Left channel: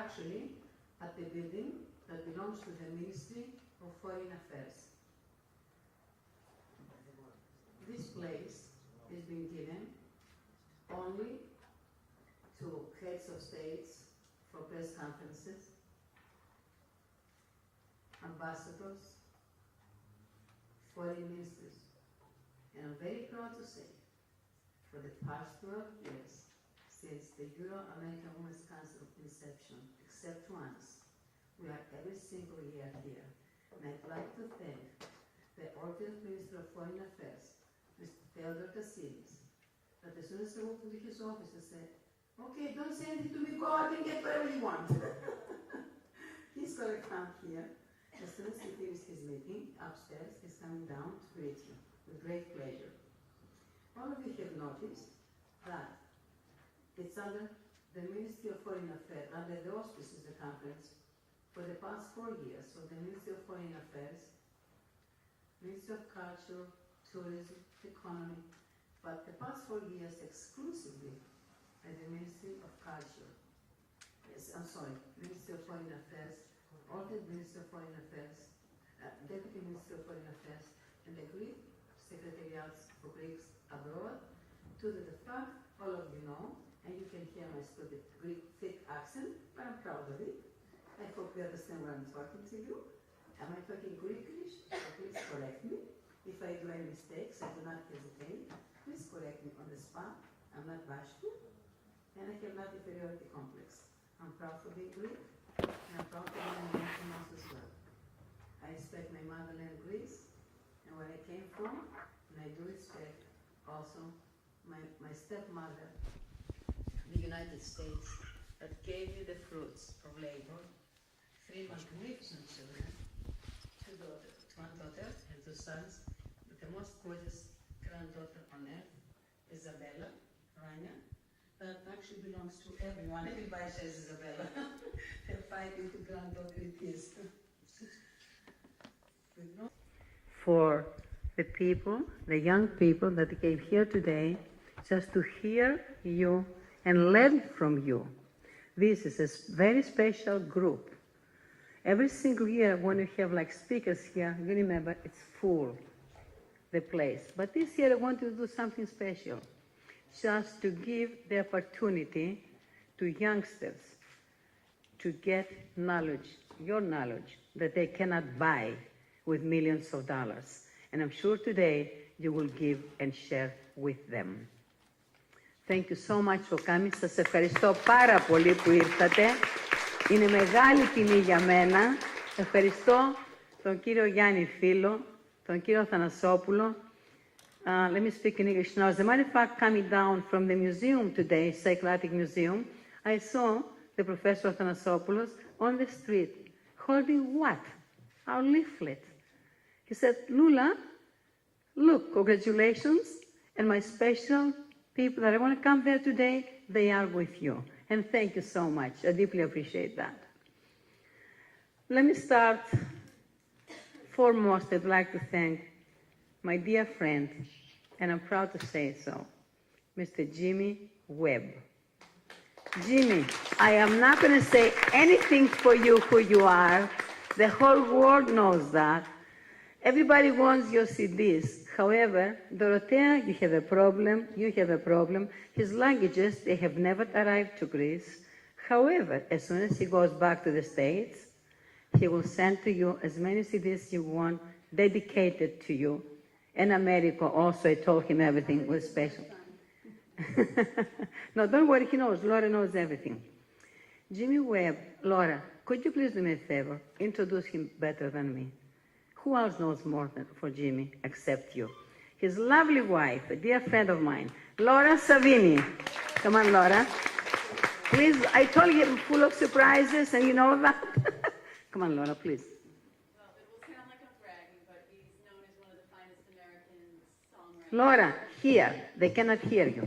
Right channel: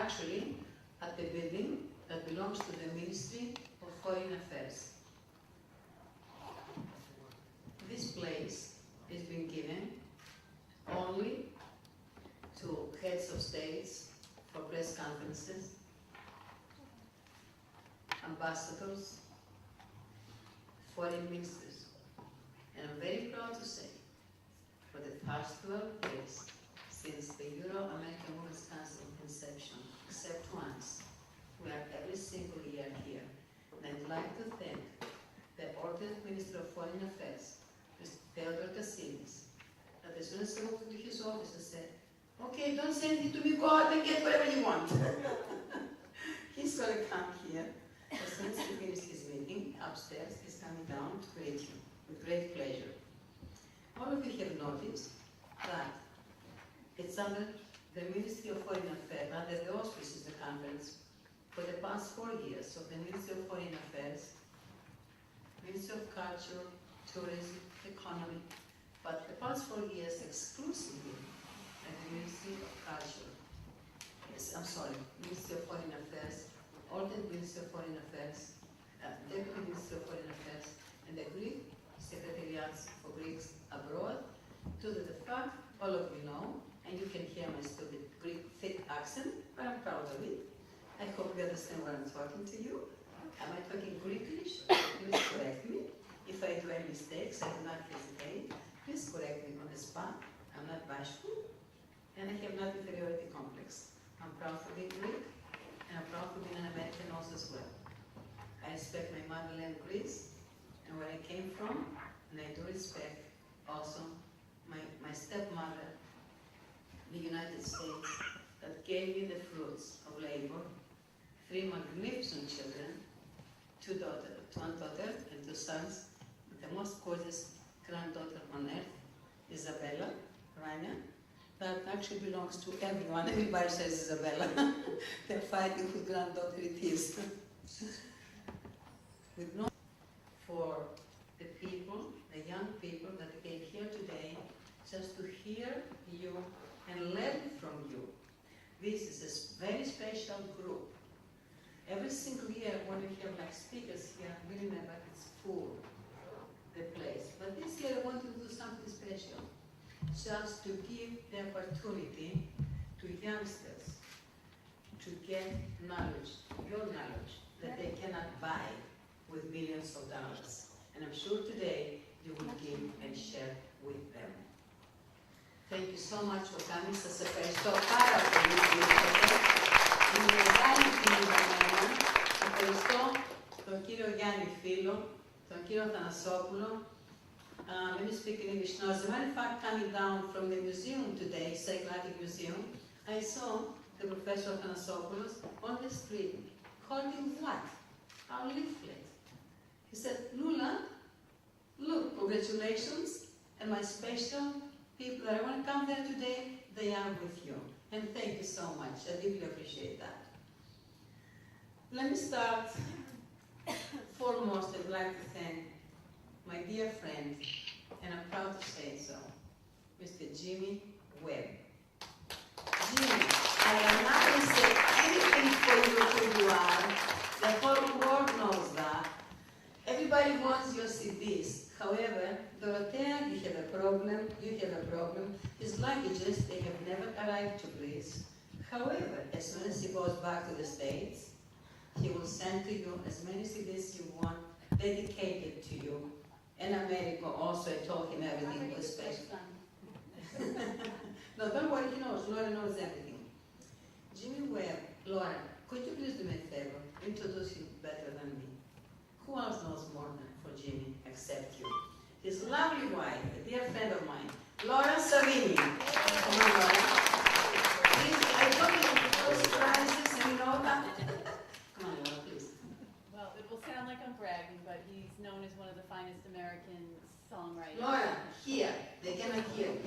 actually at the building that belongs to the Ministry of Foreign Affairs. This place has been given only to heads of states for press conferences, ambassadors, foreign ministers. And I'm very proud to say, for the past 12 years, since the Euro-American Women's Council inception, except once, we are every single year here. And I'd like to thank the ordinary Minister of Foreign Affairs, Mr. Theodore Kassilis, that as soon as I walked into his office, I said, okay, don't send it to me, go out and get whatever you want. He's going to come here. As soon as he finishes his meeting upstairs, he's coming down to greet you with great pleasure. All of you have noticed that it's under the Ministry of Foreign Affairs, under the auspices of the conference, for the past 4 years of the Ministry of Foreign Affairs, Ministry of Culture, Tourism, Economy, but the past 4 years exclusively at the Ministry of Culture. Yes, I'm sorry, Ministry of Foreign Affairs, Alternate Ministry of Foreign Affairs, Deputy Ministry of Foreign Affairs, and the Greek Secretariats for Greeks abroad, to the fact all of you know, and you can hear my stupid Greek thick accent, but I'm proud of it. I hope you understand what I'm talking to you. Am I talking Greekish? Please correct me. If I do any mistakes, I do not hesitate. Please correct me on the spot. I'm not bashful, and I have not inferiority complex. I'm proud to be Greek, and I'm proud to be an American also as well. I respect my motherland, Greece, and where I came from, and I do respect also my stepmother, the United States, that gave me the fruits of labor, 3 magnificent children, one daughter and 2 sons, the most gorgeous granddaughter on earth, Isabella Rania, that actually belongs to everyone. Everybody says Isabella. They're fighting whose granddaughter it is. For the people, the young people that came here today, just to hear you and learn from you. This is a very special group. Every single year when you have like speakers here, you remember it's full, the place. But this year I want to do something special, just to give the opportunity to youngsters to get knowledge, your knowledge, that they cannot buy with millions of dollars. And I'm sure today you will give and share with them. Thank you so much for coming. Σας ευχαριστώ πάρα πολύ που ήρθατε. Είναι μεγάλη τιμή για μένα. Ευχαριστώ τον κύριο Γιάννη Φίλο, τον κύριο Αθανασόπουλο. Let me speak in English now. As a matter of fact, coming down from the museum today, Psychiatric Museum, I saw the Professor Athanasopoulos on the street, holding what? Our leaflet. He said, Lula, look, congratulations, and my special people that I want to come there today, they are with you. And thank you so much. I deeply appreciate that. Let me start. Foremost, I'd like to thank my dear friend, and I'm proud to say so, Mr. Jimmy Webb. Jimmy, I am not going to say anything for you who you are. The whole world knows that. Everybody wants your CDs. However, Dorothea, you have a problem, you have a problem. His languages, they have never arrived to Greece. However, as soon as he goes back to the States, he will send to you as many CDs you want, dedicated to you. In America also, I told him everything was special. No, don't worry, he knows. Laura knows everything. Jimmy Webb, Laura, could you please do me a favor? Introduce him better than me. Who else knows more than for Jimmy except you? His lovely wife, a dear friend of mine, Laura Savini. Come on, Laura. Please, I told you I'm full of surprises and you know that. Come on, Laura, please. Well, it will sound like I'm bragging, but he's known as one of the finest American songwriters. Laura, here. They cannot hear you.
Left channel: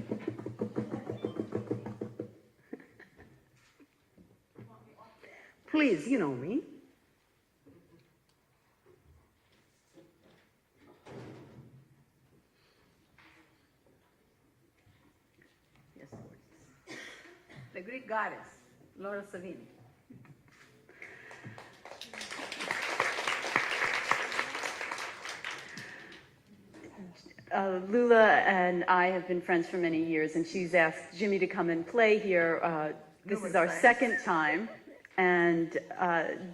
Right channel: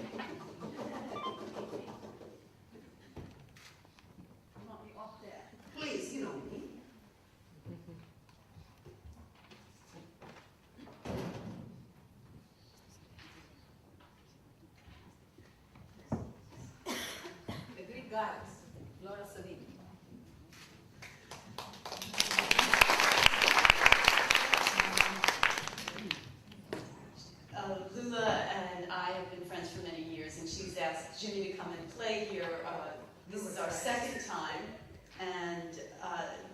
Please, you know me. The Greek goddess, Laura Savini. Lula and I have been friends for many years, and she's asked Jimmy to come and play here. This is our second time, and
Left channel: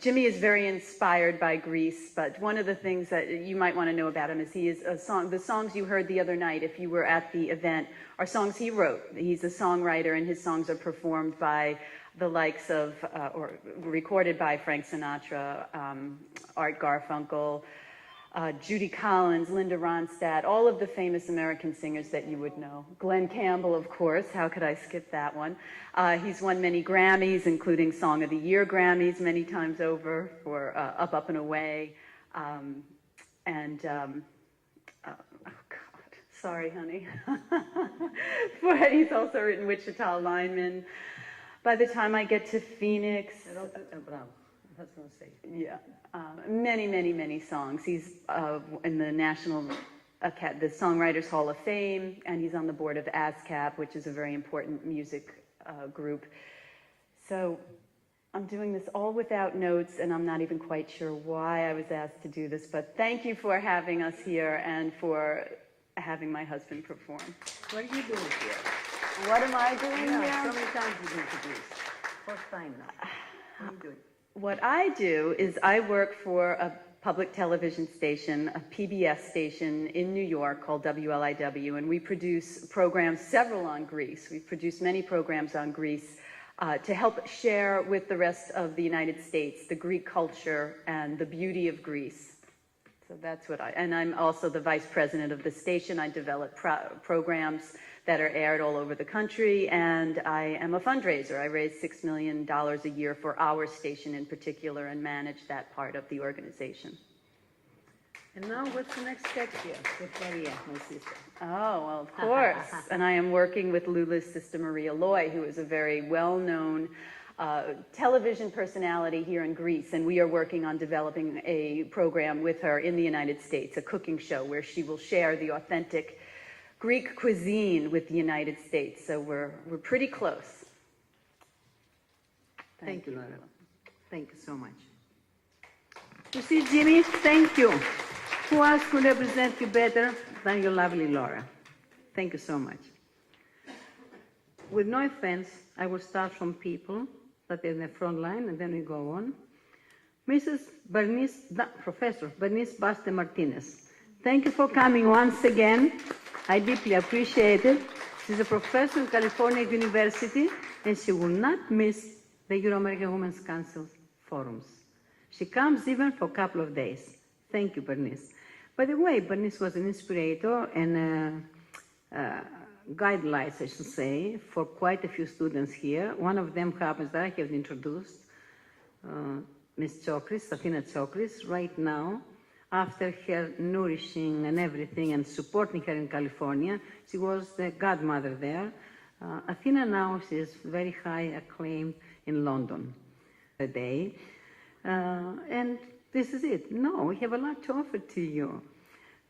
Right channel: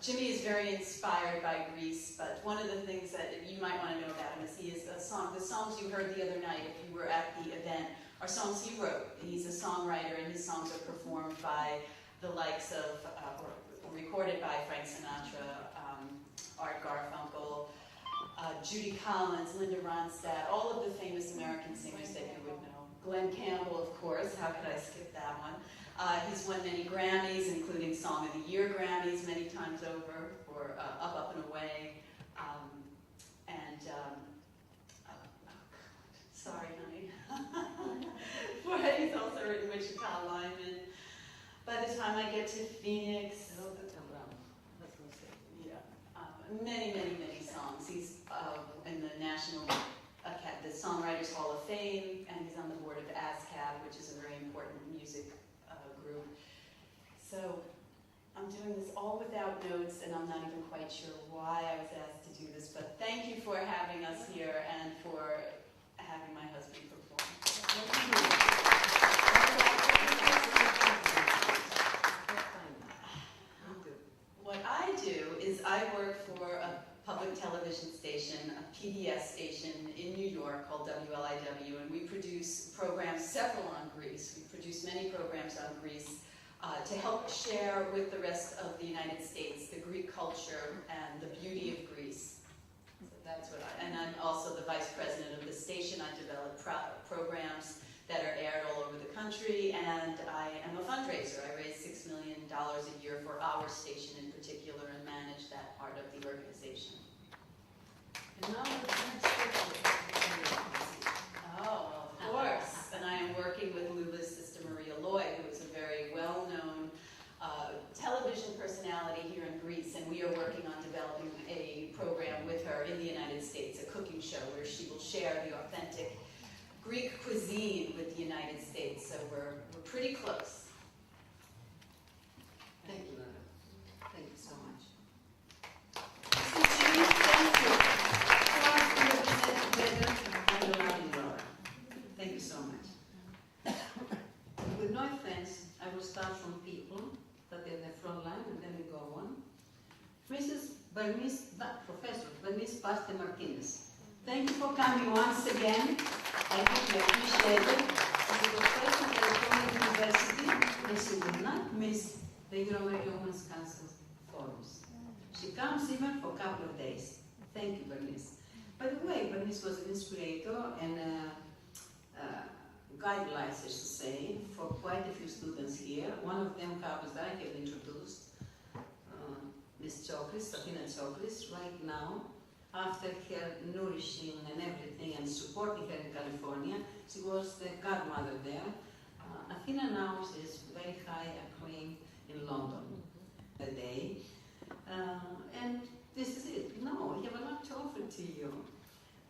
Jimmy is very inspired by Greece, but one of the things that you might want to know about him is he is the songs you heard the other night, if you were at the event, are songs he wrote. He's a songwriter, and his songs are performed by the likes of, or recorded by Frank Sinatra, Art Garfunkel, Judy Collins, Linda Ronstadt, all of the famous American singers that you would know. Glenn Campbell, of course, how could I skip that one? He's won many Grammys, including Song of the Year Grammys many times over for Up, Up and Away. Oh God, sorry, honey. He's also written Wichita Lineman. By the time I get to Phoenix, yeah. Many, many, many songs. He's in the the Songwriters Hall of Fame, and he's on the board of ASCAP, which is a very important music group. So I'm doing this all without notes, and I'm not even quite sure why I was asked to do this, but thank you for having us here and for having my husband perform. What are you doing? What am I doing No, now? so many times you did this. First time now. What are you doing? What I do is I work for a public television station, a PBS station in New York called WLIW, and we produce programs, several on Greece. We produce many programs on Greece to help share with the rest of the United States the Greek culture and the beauty of Greece. So that's what and I'm also the vice president of the station. I develop programs that are aired all over the country, and I am a fundraiser. I raise $6 million a year for our station in particular and manage that part of the organization. And now what's the next step here? The career, Mrs. Oh, well, of course. And I am working with Lula's sister Maria Loy, who is a very well-known television personality here in Greece, and we are working on developing a program with her in the United States, a cooking show where she will share the authentic Greek cuisine with the United States, so we're pretty close. Thank you, Laura. Thank you so much. You see, Jimmy, thank you. Who else could represent you better than your lovely Laura? Thank you so much. With no offense, I will start from people that are in the front line, and then we go on. Professor Bernice Baste Martinez. Thank you for coming once again. I deeply appreciate it. She's a professor at California University, and she will not miss the Euro-American Women's Council forums. She comes even for a couple of days. Thank you, Bernice. By the way, Bernice was an inspirator and guidelines, I should say, for quite a few students here. One of them happens that I have introduced, Ms. Chokris, Athena Chokris, right now. After her nourishing and everything and supporting her in California, she was the godmother there. Athena now is very high acclaimed in London today. And this is it. No, we have a lot to offer to you.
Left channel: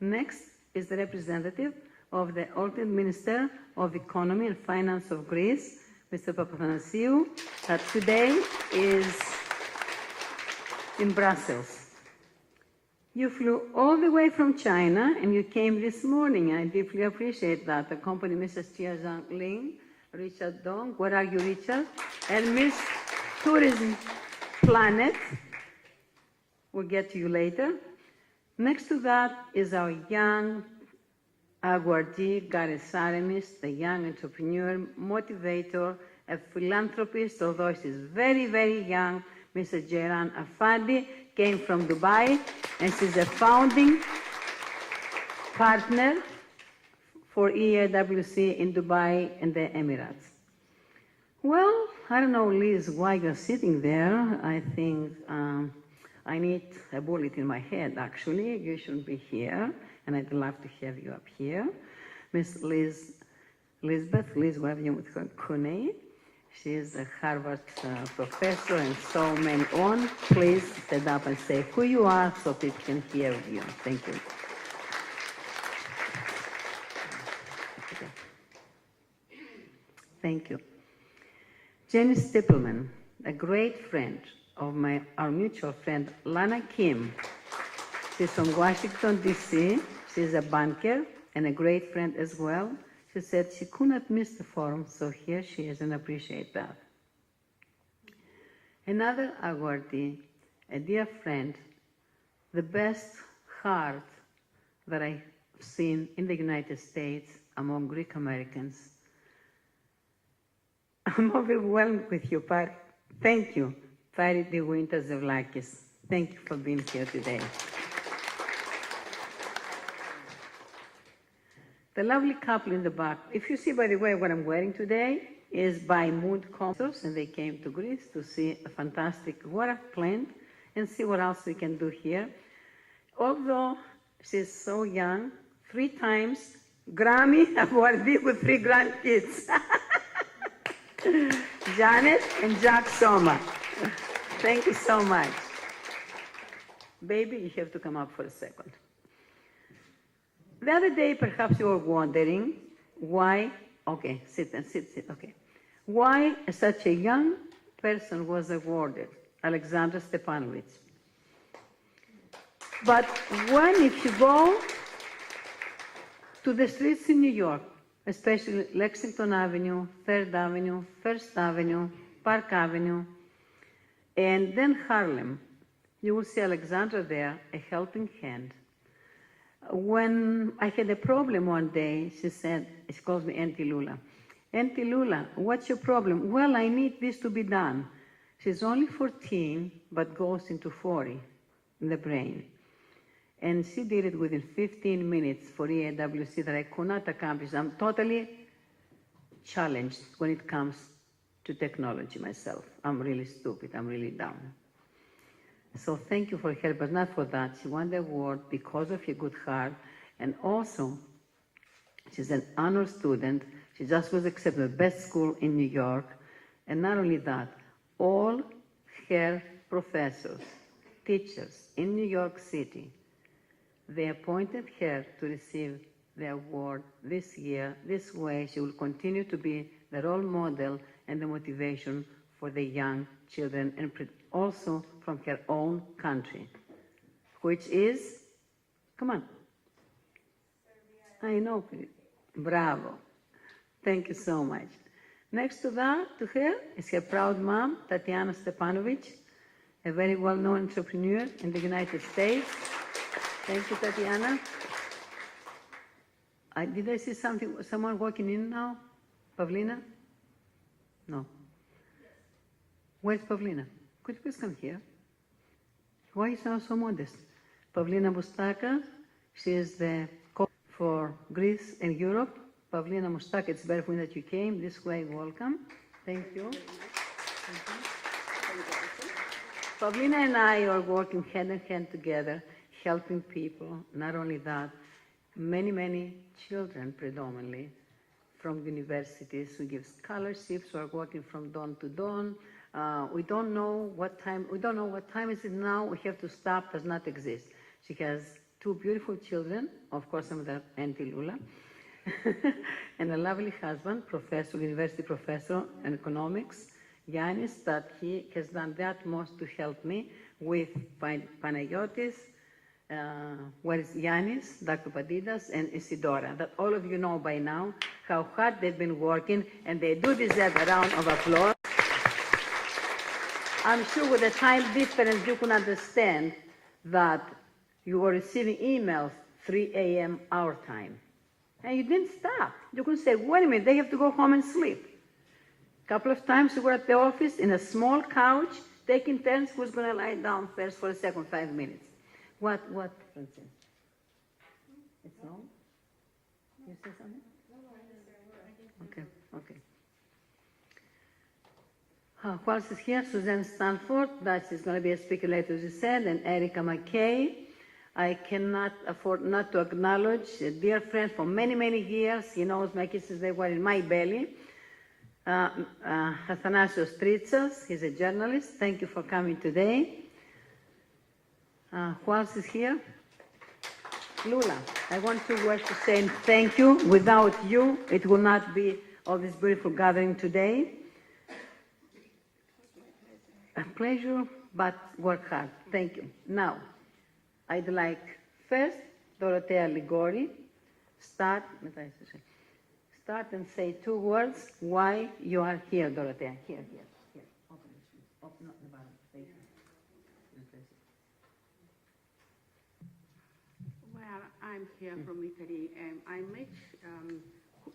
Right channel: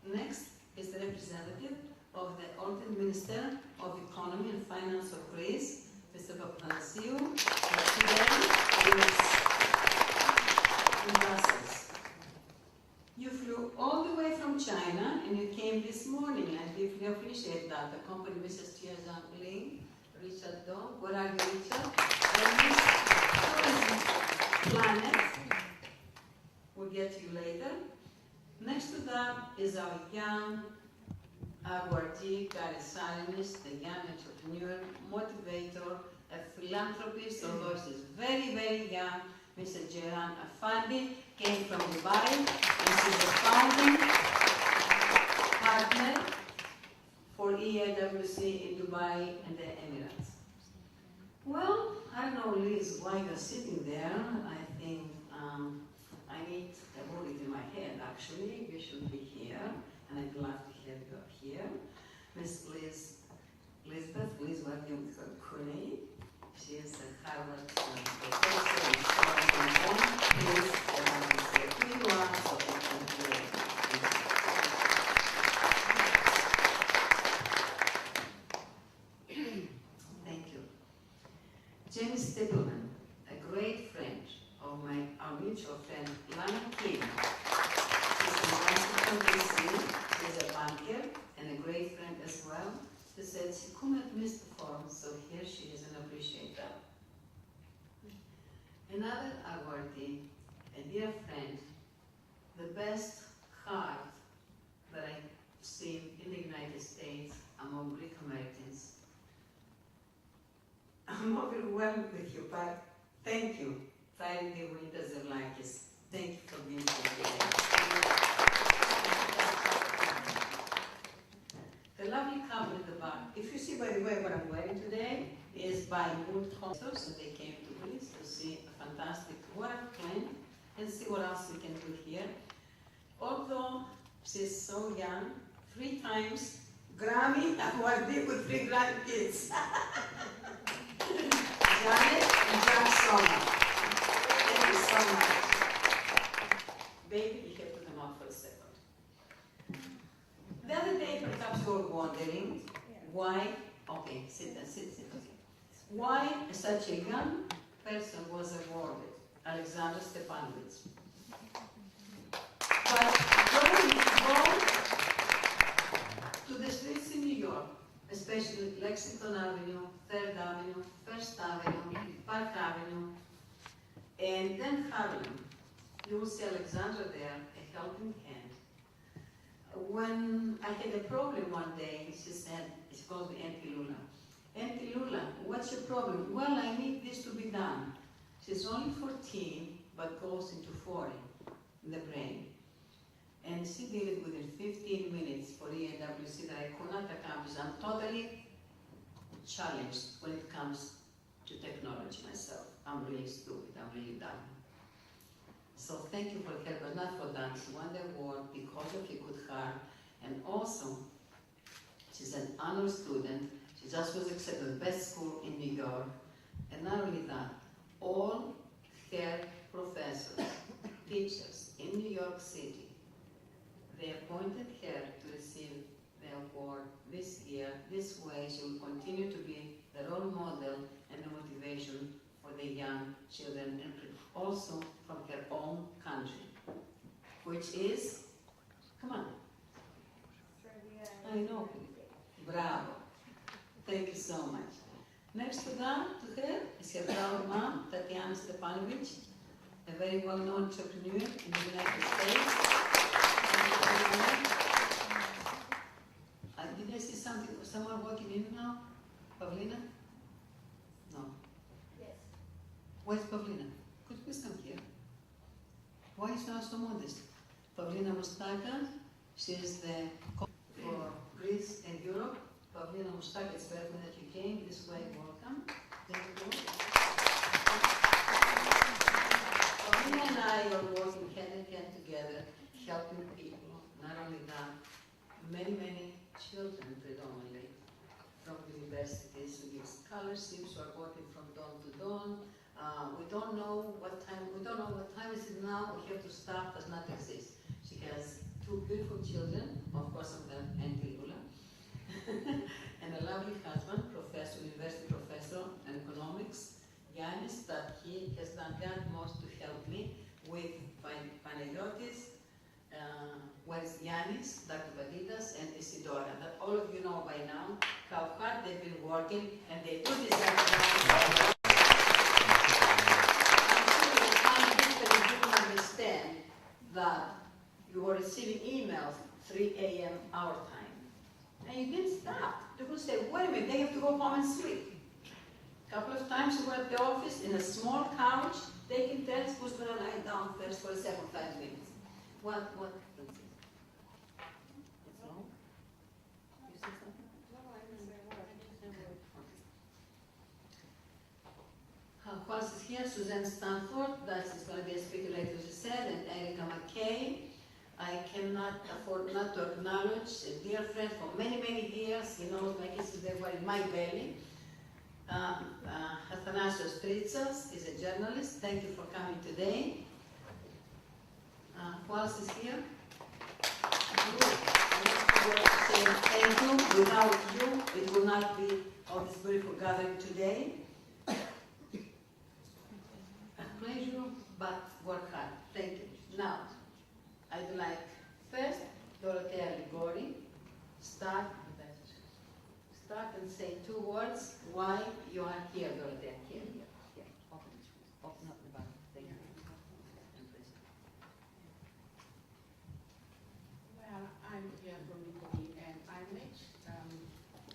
Next is the representative of the Alternate Minister of Economy and Finance of Greece, Mr. Papathanasiou, that today is in Brussels. You flew all the way from China and you came this morning. I deeply appreciate that. Accompany Mrs. Tia Zhang Ling, Richard Dong, where are you, Richard? And Miss Tourism Planet. We'll get to you later. Next to that is our young awardee, Gary Saramis, the young entrepreneur, motivator, a philanthropist, although she's very, very young. Mrs. Jairan Afadi came from Dubai, and she's a founding partner for EAWC in Dubai and the Emirates. Well, I don't know, Liz, why you're sitting there. I think I need a bullet in my head, actually. You shouldn't be here, and I'd love to have you up here. Miss Lisbeth, whatever you would call her, she is a Harvard professor and so many on. Please stand up and say who you are so people can hear you. Thank you. Thank you. Jenny Stippelman, a great friend of our mutual friend Lana Kim. She's from Washington, D.C. She's a banker, and a great friend as well. She said she could not miss the forum, so here she is, and appreciate that. Another awardee, a dear friend, the best heart that I've seen in the United States among Greek Americans. I'm overwhelmed with your part. Thank you, Faridi Winter Zavlakis. Thank you for being here today. The lovely couple in the back, if you see, by the way, what I'm wearing today is by Mood Concerts, and they came to Greece to see a fantastic water plant and see what else we can do here. Although she's so young, 3 times Grammy awardee with 3 grandkids. Janet and Jack Soma. Thank you so much. Baby, you have to come up for a second. The other day, perhaps you were wondering why, okay, sit, okay. Why such a young person was awarded, Alexander Stepanovich. But when if you go to the streets in New York, especially Lexington Avenue, 3rd Avenue, 1st Avenue, Park Avenue, and then Harlem, you will see Alexandra there, a helping hand. When I had a problem one day, she said, she called me Auntie Lula. Auntie Lula, what's your problem? Well, I need this to be done. She's only 14, but goes into 40 in the brain. And she did it within 15 minutes for EAWC that I could not accomplish. I'm totally challenged when it comes to technology myself. I'm really stupid, I'm really dumb. So thank you for her, but not for that. She won the award because of her good heart, and also she's an honor student. She just was accepted at the best school in New York, and not only that, all her professors, teachers in New York City, they appointed her to receive the award this year. This way, she will continue to be the role model and the motivation for the young children, and also from her own country, which is, come on. I know, bravo. Thank you so much. Next to that, to her, is her proud mom, Tatiana Stepanovich, a very well-known entrepreneur in the United States. Thank you, Tatiana. Did I see something, someone walking in now? Pavlina? No. Yes. Where's Pavlina? Could you please come here? Why you sound so modest? Pavlina Mustaka, she is the coach for Greece and Europe. Pavlina Mustaka, it's very funny that you came. This way, welcome. Thank you. Pavlina and I are working hand in hand together, helping people. Not only that, many children predominantly from universities who give scholarships or working from dawn to dawn. We don't know what time is it now. We have to stop, does not exist. She has 2 beautiful children, of course, I'm the Auntie Lula, and a lovely husband, professor, university professor in economics, Yanis, that he has done the utmost to help me with Panagiotis, where's Yanis, Dr. Padidas, and Isidora, that all of you know by now how hard they've been working, and they do deserve a round of applause. I'm sure with the time difference you can understand that you were receiving emails 3 a.m. our time. And you didn't stop. You could say, wait a minute, they have to go home and sleep. A couple of times we were at the office in a small couch, taking turns who's going to lie down first for a second 5 minutes. What, Francis? It's no? You say something? Okay. Who else is here? Suzanne Stanford, that is going to be a speaker later, as you said, and Erica McKay. I cannot afford not to acknowledge a dear friend for many years. He knows my kisses, they were in my belly. Athanasios Tritsas, he's a journalist. Thank you for coming today. Who else is here? Lula, I want to say thank you. Without you, it will not be all this beautiful gathering today. A pleasure, but work hard. Thank you. Now, I'd like first Dorothea Ligori, start and say 2 words why you are here, Dorothea. Here. Open this, please. Open up the bottom. There you go. And please. Well, I'm here from Italy, and I met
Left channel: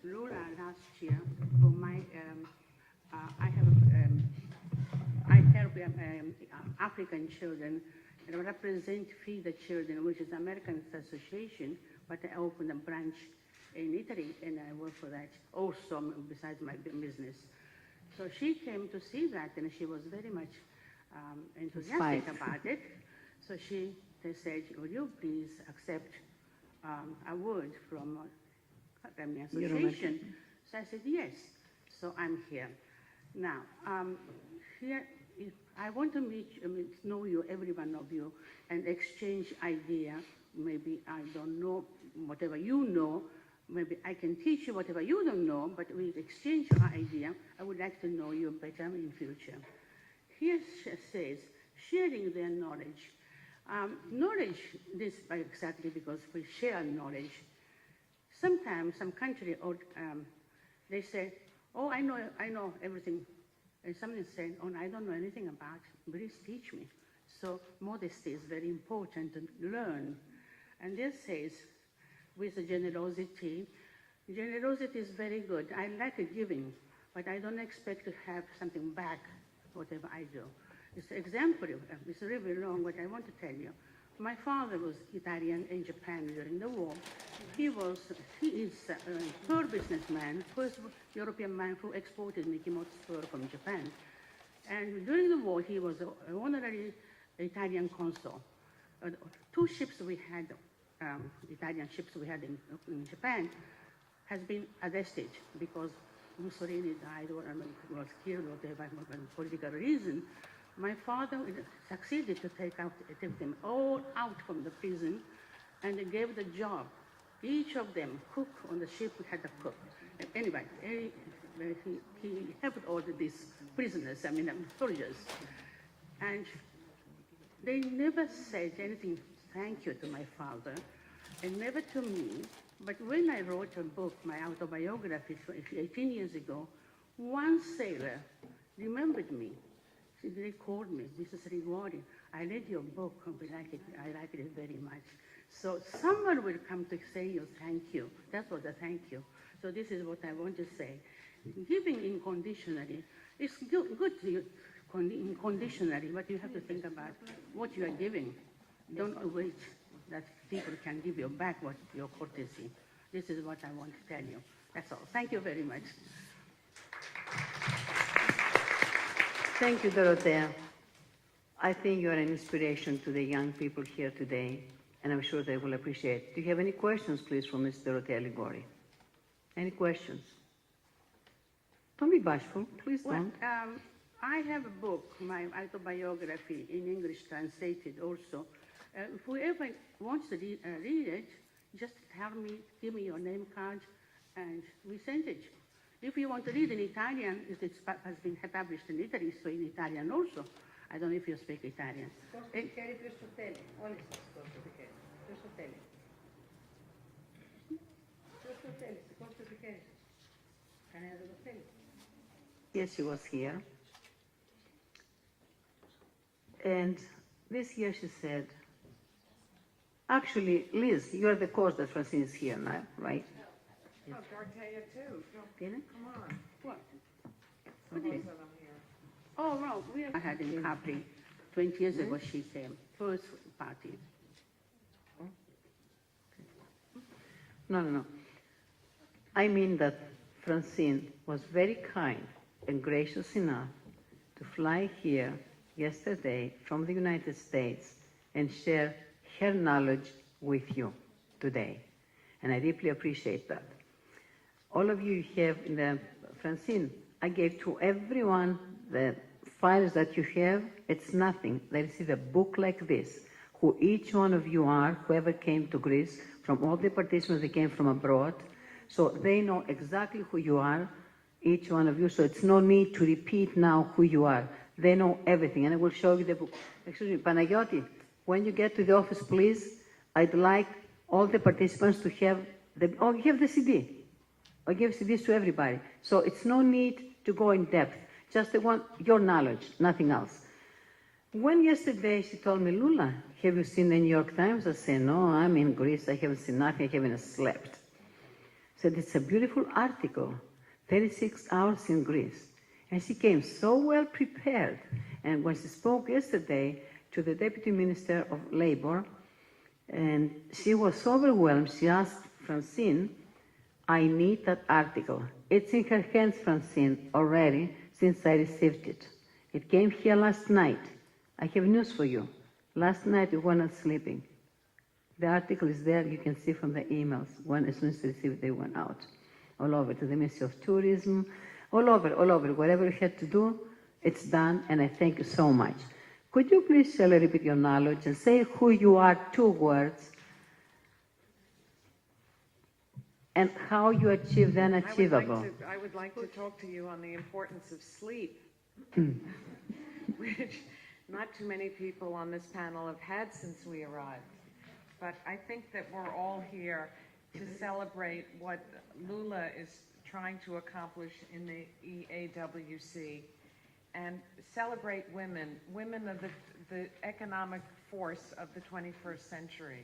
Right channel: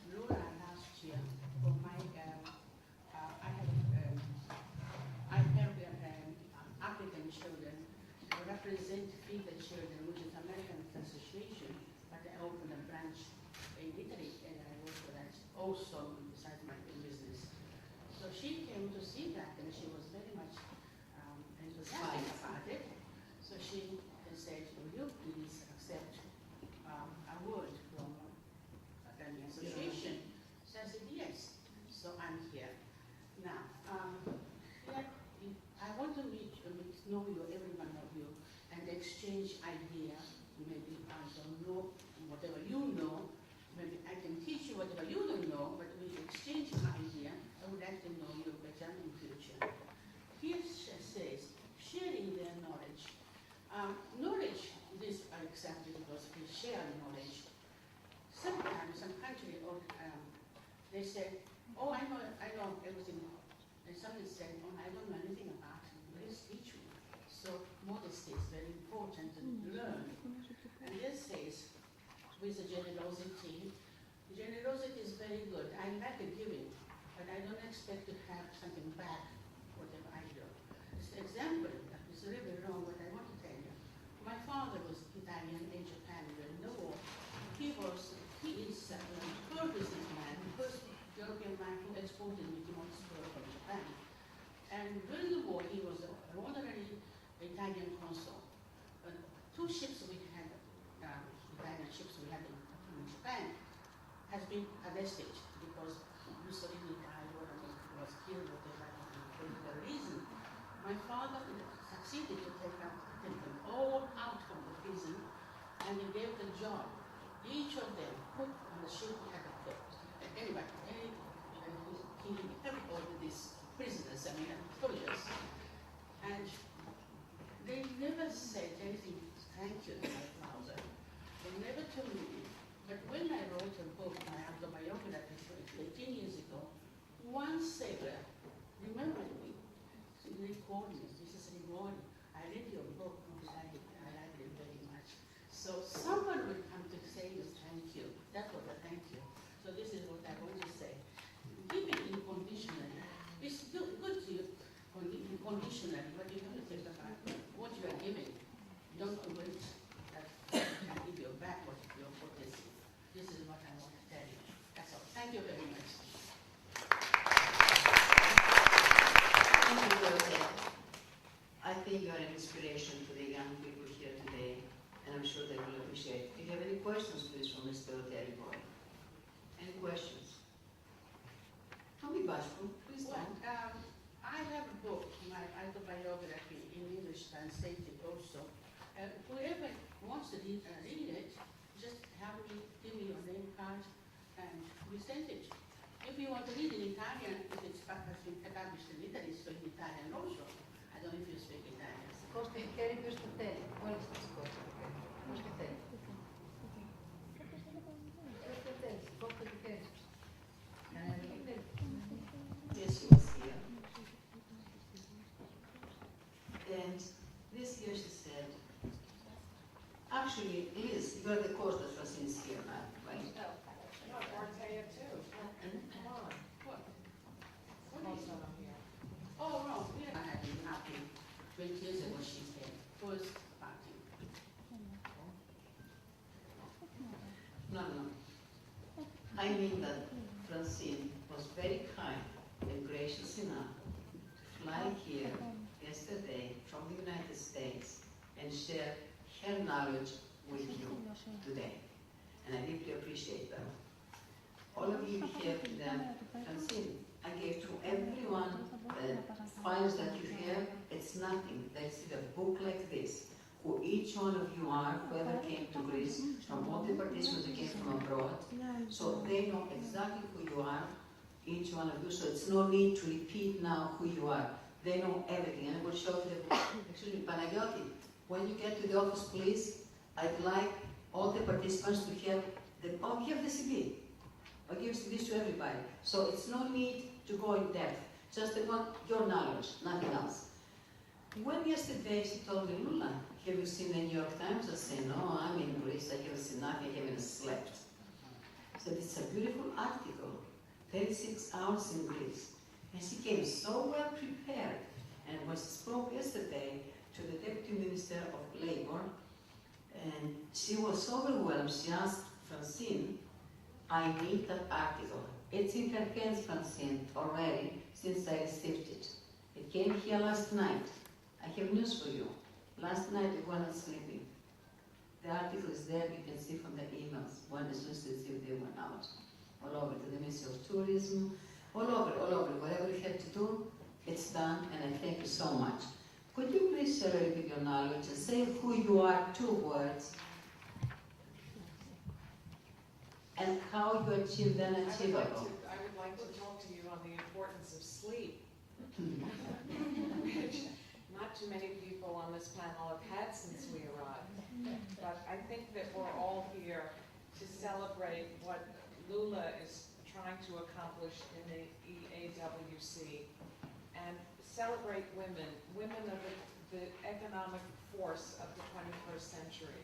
Lola last year for my. I help African children represent Feed the Children, which is American Association, but I opened a branch in Italy, and I work for that also besides my business. So she came to see that, and she was very much enthusiastic about it. So she said, "Would you please accept a word from an association?" So I said, "Yes." So I'm here. Now, here, I want to know you, every one of you, and exchange idea. Maybe I don't know whatever you know. Maybe I can teach you whatever you don't know, but we exchange our idea. I would like to know you better in future. Here says, sharing their knowledge. Knowledge, this by exactly because we share knowledge. Sometimes some country, they say, "Oh, I know everything." And somebody said, "Oh, I don't know anything about it. Please teach me." So modesty is very important to learn. And this says, with the generosity is very good. I like giving, but I don't expect to have something back, whatever I do. It's exemplary. It's really long, but I want to tell you. My father was Italian in Japan during the war. He is a poor businessman, first European man who exported Mickey Mouse fur from Japan. And during the war, he was an honorary Italian consul. 2 ships we had, Italian ships we had in Japan, has been arrested because Mussolini died or was killed or whatever for political reason. My father succeeded to take them all out from the prison and gave the job. Each of them, cook on the ship, we had a cook. Anyway, he helped all these prisoners, soldiers. And they never said anything, thank you to my father, and never to me. But when I wrote a book, my autobiography 18 years ago, one sailor remembered me. They called me, "This is rewarding. I read your book, and I like it very much." So someone will come to say you thank you. That was a thank you. So this is what I want to say. Giving unconditionally, it's good unconditionally, but you have to think about what you are giving. Don't wait that people can give you back what your courtesy. This is what I want to tell you. That's all. Thank you very much. Thank you, Dorothea. I think you are an inspiration to the young people here today, and I'm sure they will appreciate it. Do you have any questions, please, for Ms. Dorothea Ligori? Any questions? Don't be bashful, please Well, don't. I have a book, my autobiography in English translated also. Whoever wants to read it, just give me your name card, and we send it. If you want to read in Italian, it has been published in Italy, so in Italian also. I don't know if you speak Italian. Yes, she was here. And this year she said, actually, Liz, you're the cause that Francine is here now, right? What? Oh, no, we had a party 20 years ago, she came, first party. No. I mean that Francine was very kind and gracious enough to fly here yesterday from the United States and share her knowledge with you today. And I deeply appreciate that. All of you have, Francine, I gave to everyone the files that you have. It's nothing. They receive a book like this, who each one of you are, whoever came to Greece, from all the participants that came from abroad. So they know exactly who you are, each one of you. So it's no need to repeat now who you are. They know everything, and I will show you the book. Excuse me, Panagiotis, when you get to the office, please, I'd like all the participants to have Oh, you have the CD. I give CDs to everybody. So it's no need to go in depth. Just they want your knowledge, nothing else. When yesterday she told me, Lula, have you seen the New York Times? I said, no, I'm in Greece. I haven't seen nothing. I haven't slept. I said, it's a beautiful article, 36 hours in Greece. And she came so well prepared. And when she spoke yesterday to the Deputy Minister of Labor, and she was so overwhelmed, she asked Francine, I need that article. It's in her hands, Francine, already, since I received it. It came here last night. I have news for you. Last night we were not sleeping. The article is there, you can see from the emails. As soon as they received, they went out. All over, to the Ministry of Tourism, all over. Whatever you had to do, it's done, and I thank you so much. Could you please share a little bit your knowledge and say who you are, 2 words, and how you achieve the unachievable? I would like to talk to you on the importance of sleep, which not too many people on this panel have had since we arrived. But I think that we're all here to celebrate what Lula is trying to accomplish in the EAWC and celebrate women. Women are the economic force of the 21st century.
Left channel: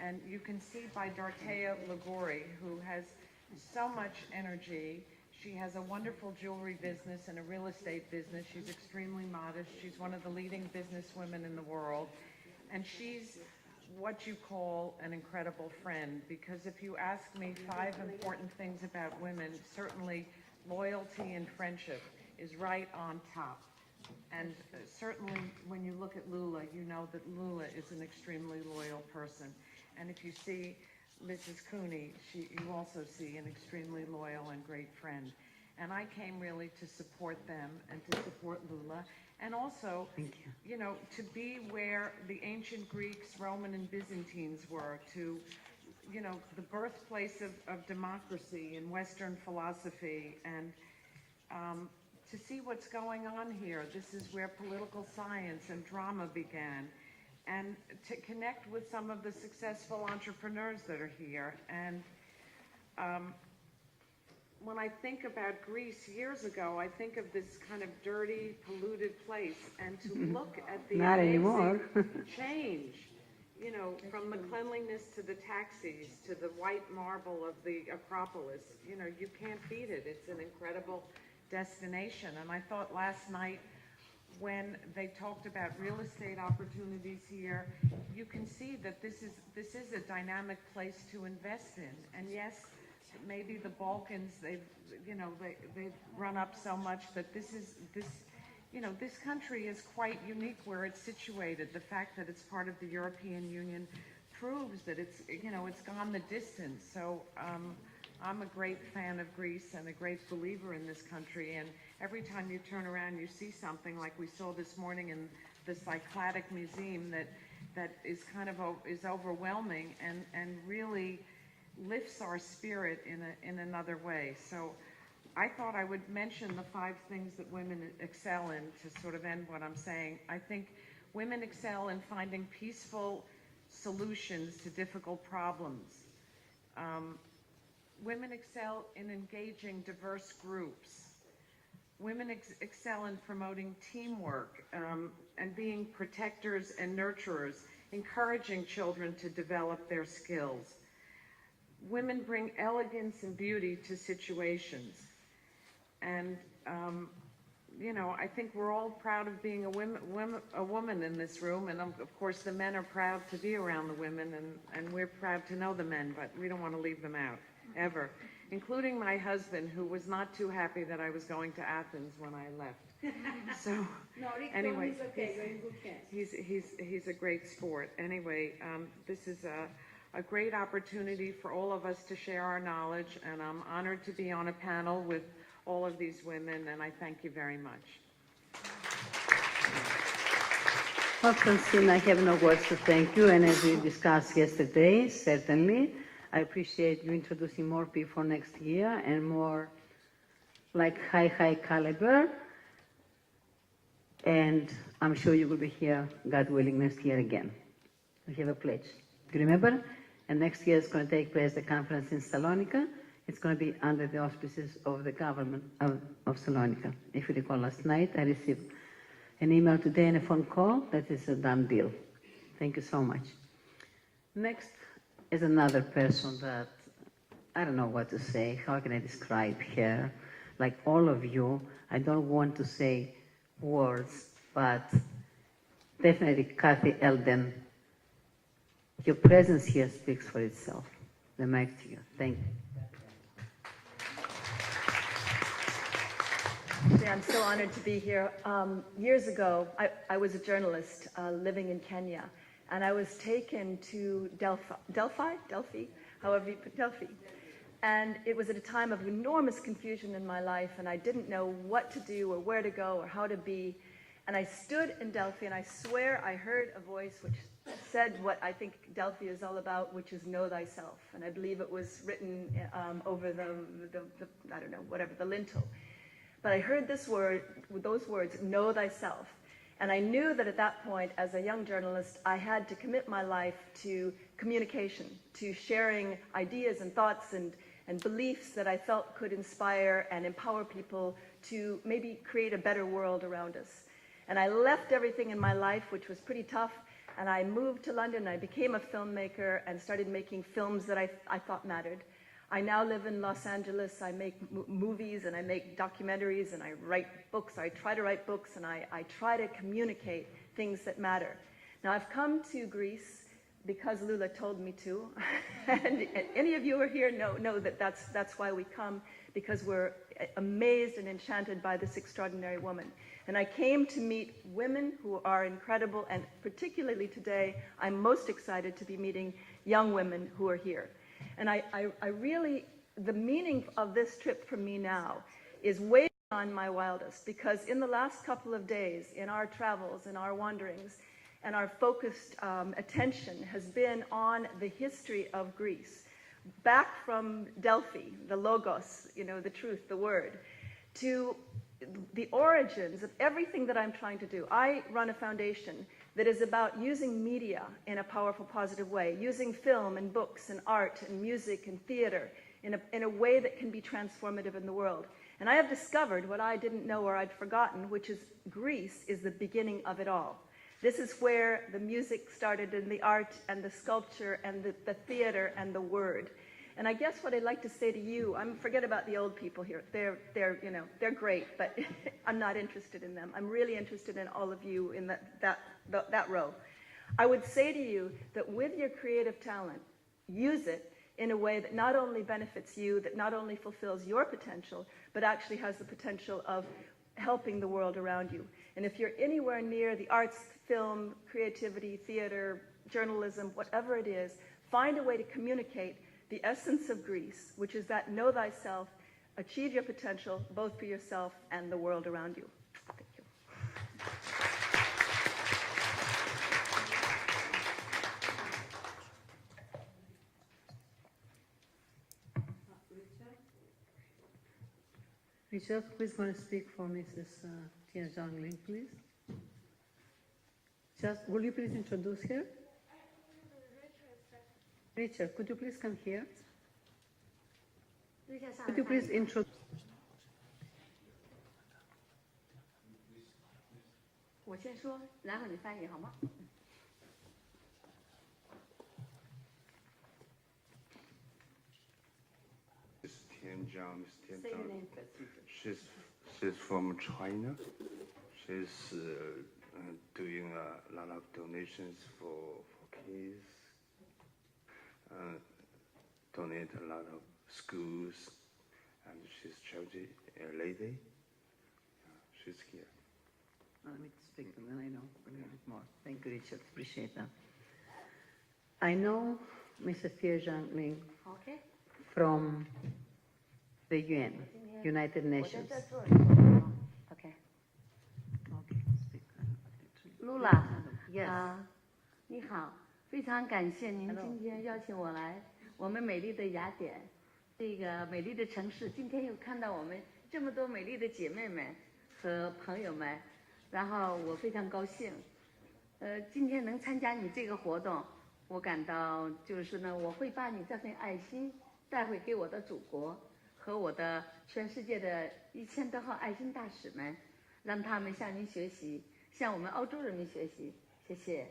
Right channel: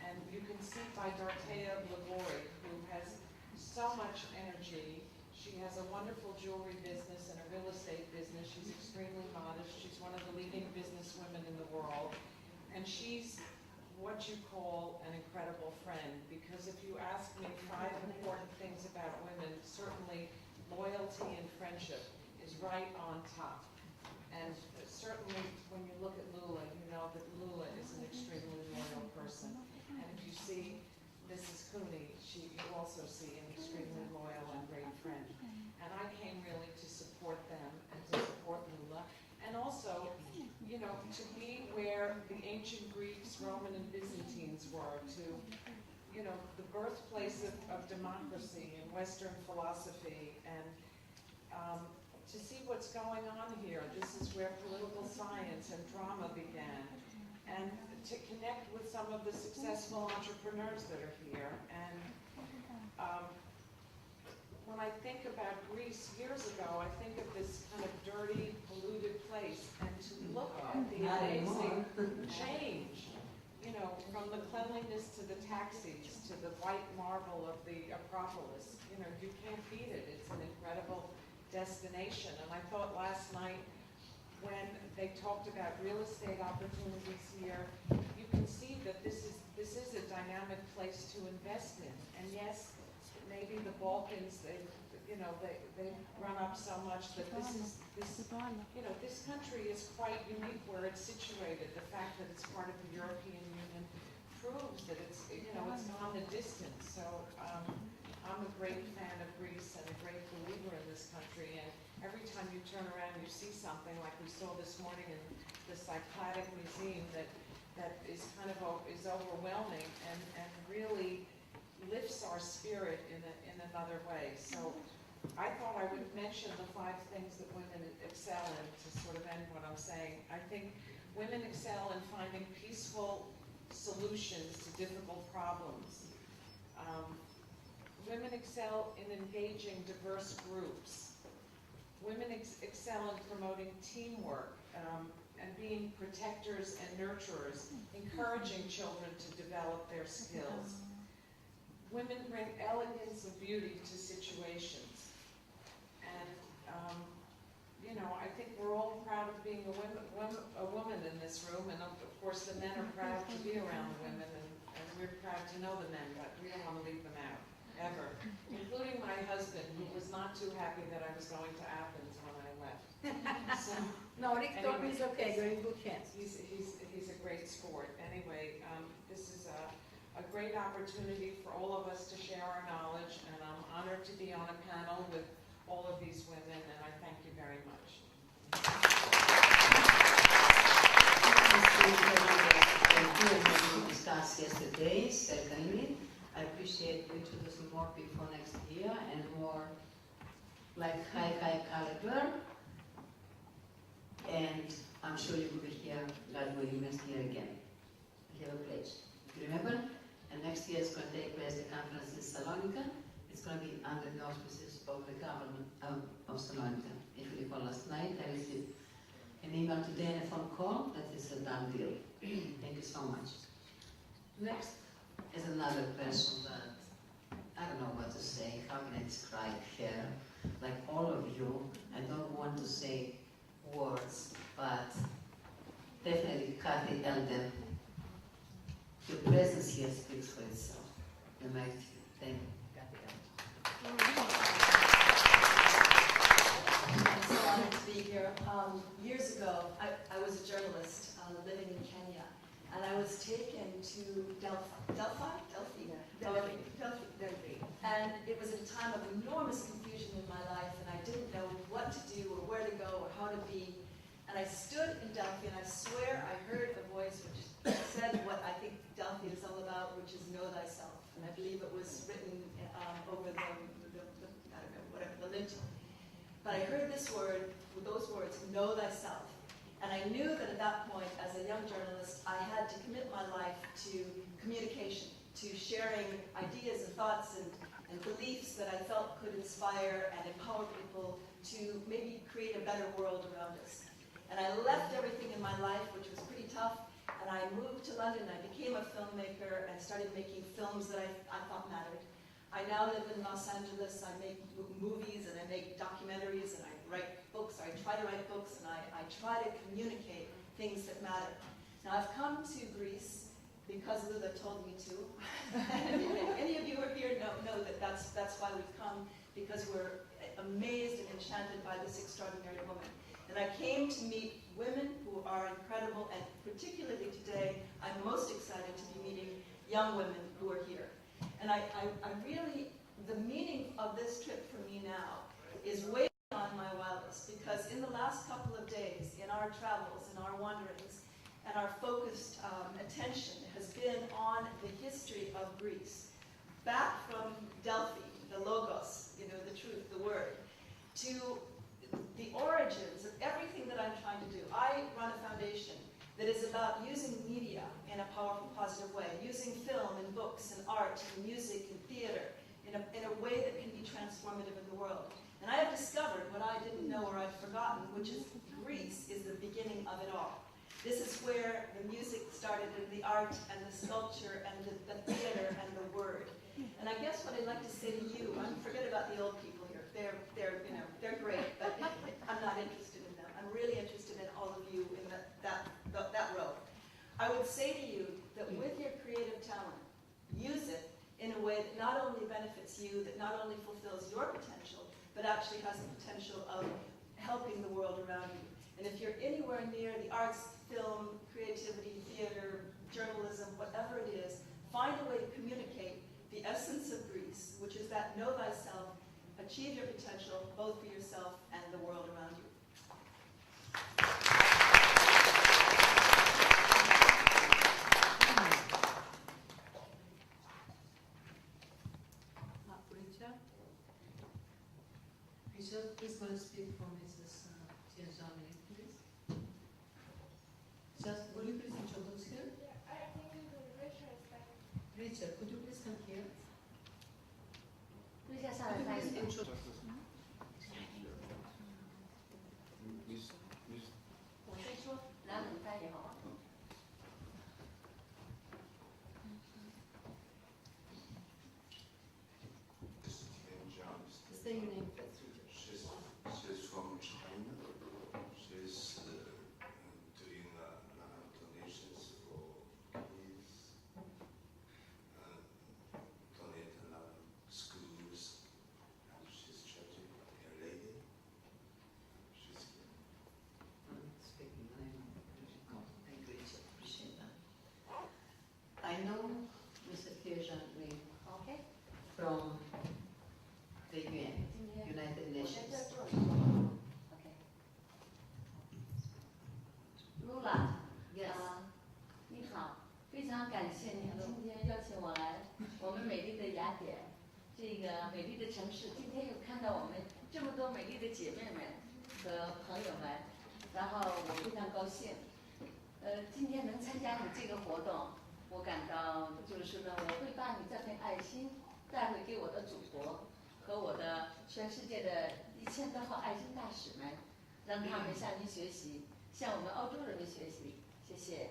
And you can see by Dorothea Ligori, who has so much energy. She has a wonderful jewelry business and a real estate business. She's extremely modest. She's one of the leading businesswomen in the world. And she's what you call an incredible friend, because if you ask me 5 important things about women, certainly loyalty and friendship is right on top. And certainly when you look at Lula, you know that Lula is an extremely loyal person. And if you see Mrs. Cooney, you also see an extremely loyal and great friend. And I came really to support them and to support Lula. And also, you know, to be where the ancient Greeks, Roman and Byzantines were, to, you know, the birthplace of democracy and Western philosophy, and to see what's going on here. This is where political science and drama began. And to connect with some of the successful entrepreneurs that are here. And when I think about Greece years ago, I think of this kind of dirty, polluted place, and to look at the amazing change, you know, from the cleanliness to the taxis, to the white marble of the Acropolis, you know, you can't beat it. It's an incredible destination. And I thought last night, when they talked about real estate opportunities here, you can see that this is a dynamic place to invest in. And yes, maybe the Balkans, they've run up so much that this country is quite unique where it's situated. The fact that it's part of the European Union proves that it's gone the distance. So I'm a great fan of Greece and a great believer in this country. And every time you turn around, you see something like we saw this morning in the Cycladic Museum that is kind of is overwhelming and really lifts our spirit in another way. So I thought I would mention the 5 things that women excel in to sort of end what I'm saying. I think women excel in finding peaceful solutions to difficult problems. Women excel in engaging diverse groups. Women excel in promoting teamwork and being protectors and nurturers, encouraging children to develop their skills. Women bring elegance and beauty to situations. And, you know, I think we're all proud of being a woman in this room. And of course, the men are proud to be around the women, and we're proud to know the men, but we don't want to leave them out, ever. Including my husband, who was not too happy that I was going to Athens when I left. So, No, Rick told me it's okay, go in good hands. he's a great sport. Anyway, this is a great opportunity for all of us to share our knowledge, and I'm honored to be on a panel with all of these women, and I thank you very much. Well, Francine, I have no words to thank you, and as we discussed yesterday, certainly, I appreciate you introducing more people next year and more like high caliber, and I'm sure you will be here, God willing, next year again. We have a pledge. You remember? And next year is going to take place the conference in Salonika. It's going to be under the auspices of the government of Salonika. If you recall, last night I received an email today and a phone call. That is a done deal. Thank you so much. Next is another person that I don't know what to say. How can I describe her? Like all of you, I don't want to say words, but definitely Kathy Eldon. Your presence here speaks for itself. The mic to you. Thank you. I'm so honored to be here. Years ago, I was a journalist living in Kenya, and I was taken to Delphi, however you put Delphi. And it was at a time of enormous confusion in my life, and I didn't know what to do or where to go or how to be. And I stood in Delphi, and I swear I heard a voice which said what I think Delphi is all about, which is know thyself. And I believe it was written over the I don't know, whatever, the lintel. But I heard this word, those words, know thyself. And I knew that at that point, as a young journalist, I had to commit my life to communication, to sharing ideas and thoughts and beliefs that I felt could inspire and empower people to maybe create a better world around us. And I left everything in my life, which was pretty tough, and I moved to London. I became a filmmaker and started making films that I thought mattered. I now live in Los Angeles. I make movies and I make documentaries and I write books. I try to write books and I try to communicate things that matter. Now I've come to Greece because Lula told me to. and any of you who are here know that that's why we come, because we're amazed and enchanted by this extraordinary woman. And I came to meet women who are incredible, and particularly today, I'm most excited to be meeting young women who are here. And I really, the meaning of this trip for me now is way beyond my wildest, because in the last couple of days, in our travels, in our wanderings, and our focused attention has been on the history of Greece, back from Delphi, the logos, you know, the truth, the word, to the origins of everything that I'm trying to do. I run a foundation that is about using media in a powerful, positive way, using film and books and art and music and theater in a way that can be transformative in the world. And I have discovered what I didn't know or I'd forgotten, which is Greece is the beginning of it all. This is where the music started and the art and the sculpture and the theater and the word. And I guess what I'd like to say to you, forget about the old people here. They're great, but I'm not interested in them. I'm really interested in all of you in that row. I would say to you that with your creative talent, use it in a way that not only benefits you, that not only fulfills your potential, but actually has the potential of helping the world around you. And if you're anywhere near the arts, film, creativity, theater, journalism, whatever it is, find a way to communicate the essence of Greece, which is that know thyself, achieve your potential, both for yourself and the world around you. Richard, please go and speak for Mrs. Tia Zhang-Ling, please. Just, will you please introduce her? Richard, could you please come here? Could you please introduce? 我先说，然后你翻译好吗？ Miss Tian Zhang. Say your name. She's from China. She's doing a lot of donations for kids. Donate a lot of schools, and she's charity lady. She's here. No, I need to speak, and I know a little bit more. Thank you, Richard. Appreciate that. I know Mrs. Tia Zhang-Ling OK， from the UN, United 我 Nations. 在做什么 ？OK， Lula， Yes. 你好，非常感谢您今天邀请我来我们美丽的雅典，这个美丽的城市。今天又看到我们这么多美丽的姐妹们和朋友们，然后我非常高兴。今天能参加你这个活动，我感到就是呢，我会把你这份爱心带回给我的祖国和我的全世界的1000多号爱心大使们，让他们向您学习，向我们欧洲人民学习。谢谢。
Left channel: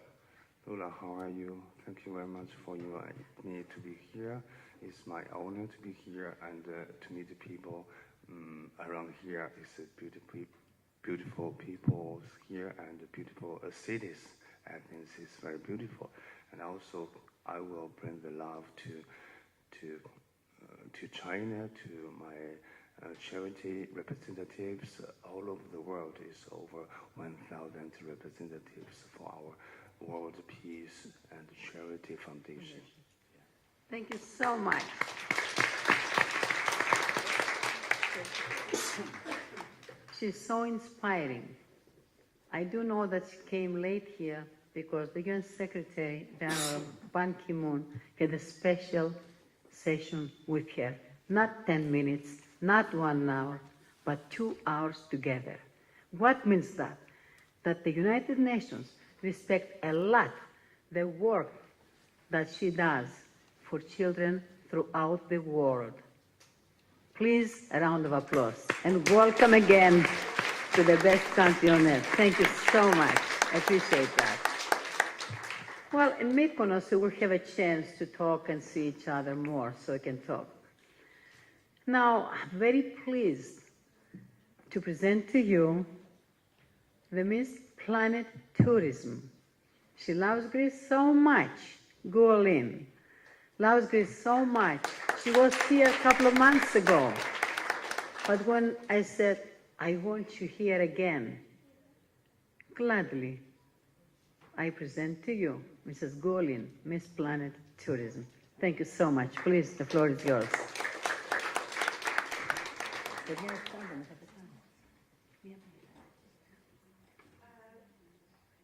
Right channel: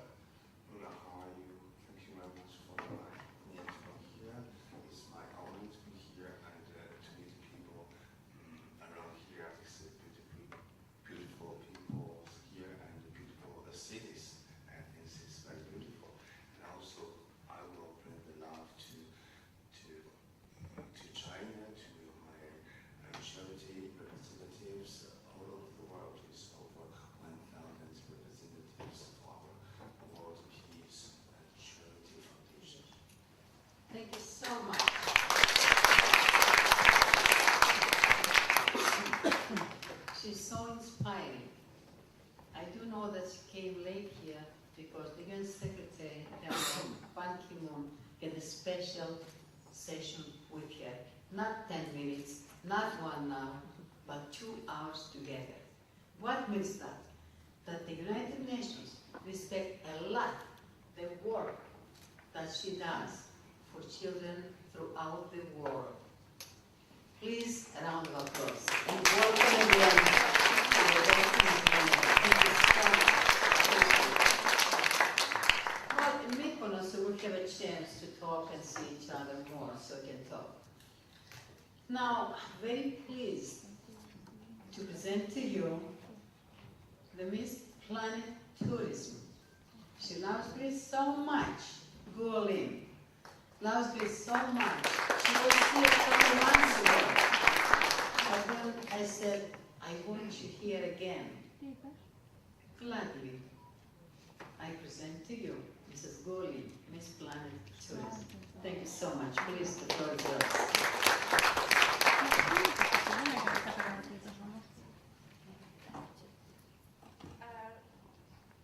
Lula, how are you? Thank you very much for your need to be here. It's my honor to be here and to meet the people around here. It's a beautiful people here and beautiful cities. Athens is very beautiful, and also I will bring the love to China, to my charity representatives all over the world. It's over 1,000 representatives for our World Peace and Charity Foundation. Thank you so much. She's so inspiring. I do know that she came late here because the UN Secretary, General Ban Ki-moon, had a special session with her. Not 10 minutes, not 1 hour, but 2 hours together. What means that? That the United Nations respect a lot the work that she does for children throughout the world. Please, a round of applause. And welcome again to the best country on earth. Thank you so much. I appreciate that. Well, in Mykonos, we'll have a chance to talk and see each other more, so we can talk. Now, I'm very pleased to present to you the Miss Planet Tourism. She loves Greece so much. Guolin loves Greece so much. She was here a couple of months ago. But when I said, I want you here again, gladly, I present to you Mrs. Guolin, Miss Planet Tourism. Thank you so much. Please, the floor is yours.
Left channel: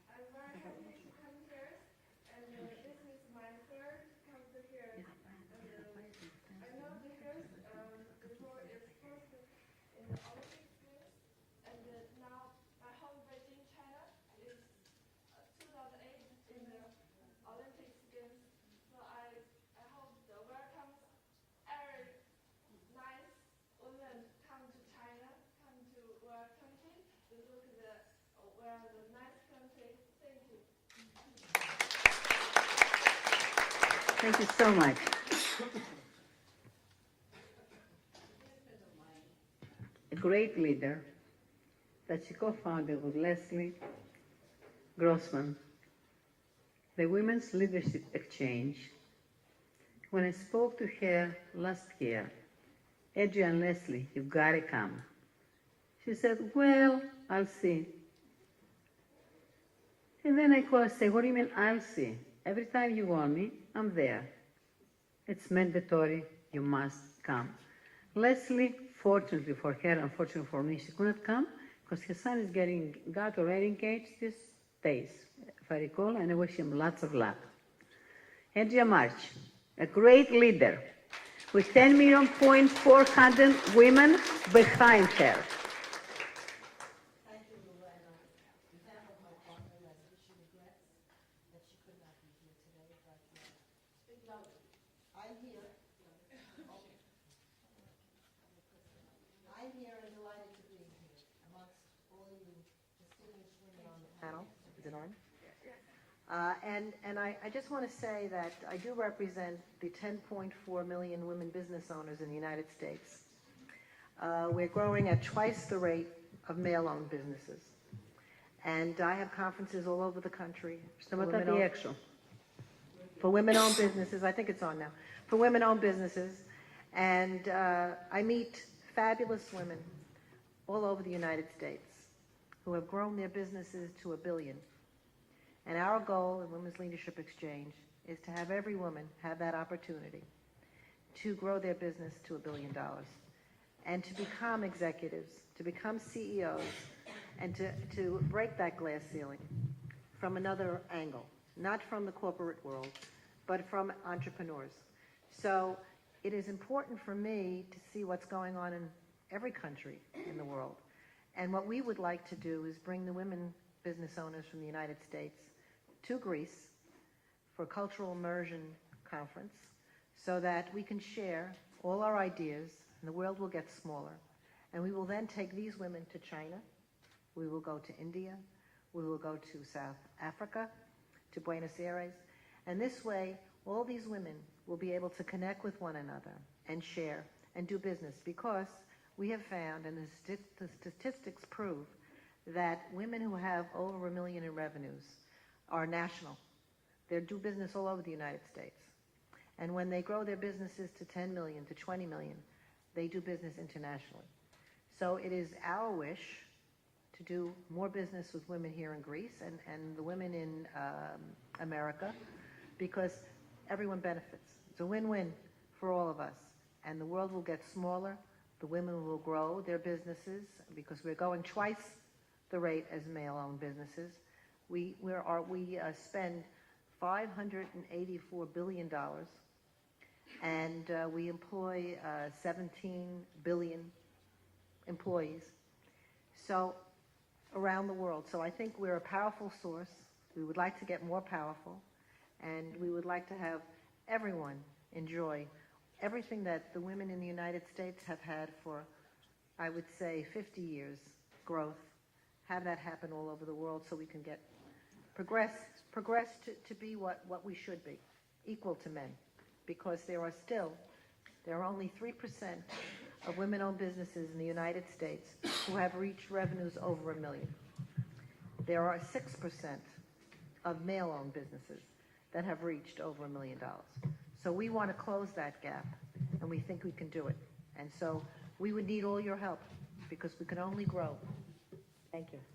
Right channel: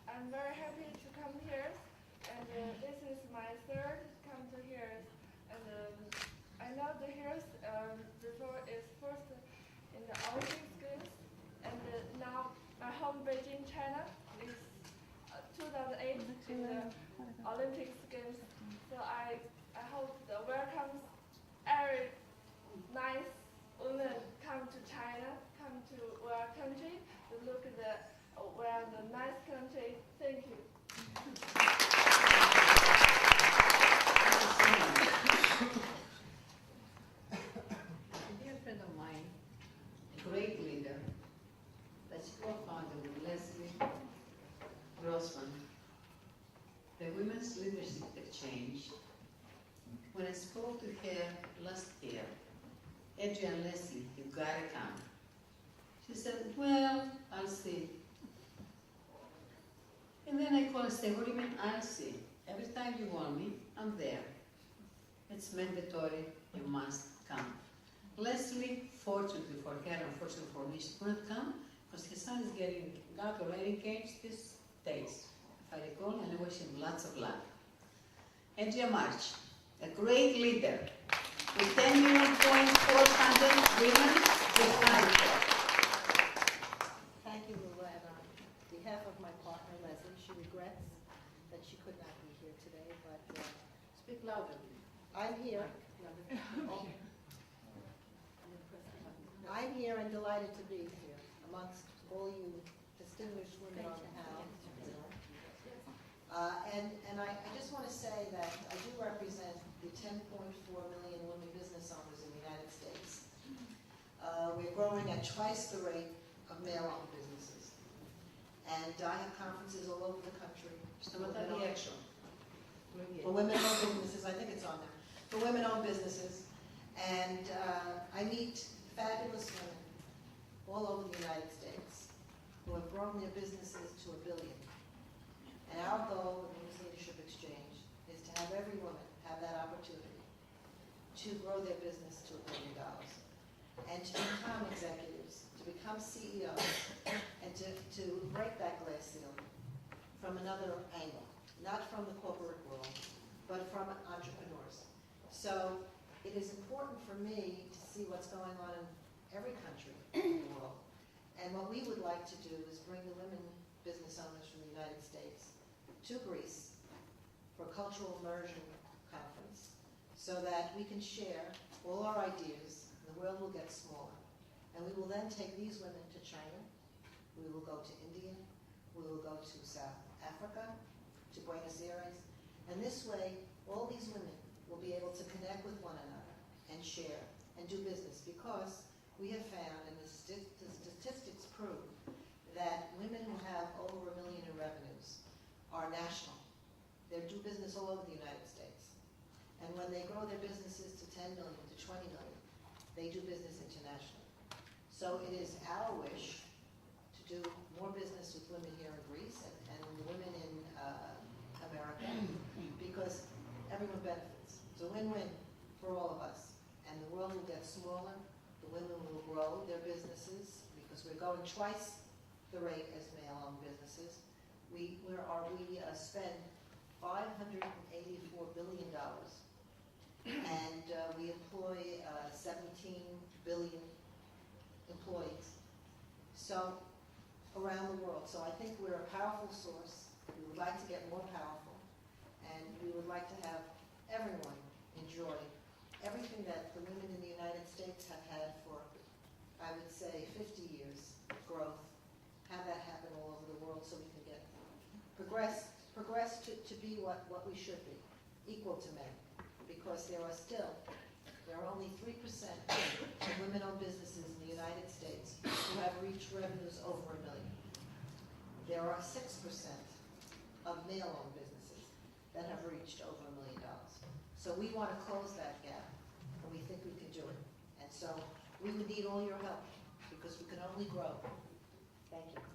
I'm very happy to come here, and this is my third come to here. And I know the here before is first in the Olympic Games, and now my home Beijing, China is 2008 in the Olympic Games. So I hope the welcomes every nice women come to China, come to our country to look at the where the nice country. Thank you. Thank you so much. Dear friend of mine, A great leader that she co-founded with Leslie Grossman, the Women's Leadership Exchange. When I spoke to her last year, Adrian Leslie, you've got to come. She said, well, I'll see. And then I call and say, what do you mean I'll see? Every time you want me, I'm there. It's mandatory, you must come. Leslie, fortunately for her, unfortunately for me, she couldn't come because her son is got already engaged these days, if I recall, and I wish him lots of luck. Adria March, a great leader with 10,400,000 women behind her. Thank you, Lula, and on behalf of my partner, Leslie, she regrets that she could not be here today, but speak louder. I'm here. I'm here and delighted to be here amongst all you distinguished women on the panel. And I just want to say that I do represent the 10.4 million women business owners in the United States. We're growing at twice the rate of male-owned businesses. And I have conferences all over the country. For women-owned businesses, I think it's on now. For women-owned businesses. And I meet fabulous women all over the United States who have grown their businesses to $1 billion. And our goal at Women's Leadership Exchange is to have every woman have that opportunity to grow their business to $1 billion and to become executives, to become CEOs, and to break that glass ceiling from another angle, not from the corporate world, but from entrepreneurs. So it is important for me to see what's going on in every country in the world. And what we would like to do is bring the women business owners from the United States to Greece for a cultural immersion conference so that we can share all our ideas and the world will get smaller. And we will then take these women to China. We will go to India. We will go to South Africa, to Buenos Aires. And this way, all these women will be able to connect with one another and share and do business, because we have found, and the statistics prove, that women who have over $1 million in revenues are national. They do business all over the United States. And when they grow their businesses to 10 million, to 20 million, they do business internationally. So it is our wish to do more business with women here in Greece and the women in America, because everyone benefits. It's a win-win for all of us. And the world will get smaller. The women will grow their businesses, because we're going twice the rate as male-owned businesses. We spend $584 billion, and we employ 17 billion employees. So around the world. So I think we're a powerful source. We would like to get more powerful, and we would like to have everyone enjoy everything that the women in the United States have had for, I would say, 50 years growth. Have that happen all over the world so we can get progress to be what we should be, equal to men. Because there are only 3% of women-owned businesses in the United States who have reached revenues over $1 million. There are 6% of male-owned businesses that have reached over $1 million. So we want to close that gap, and we think we can do it. And so we would need all your help, because we can only grow. Thank you.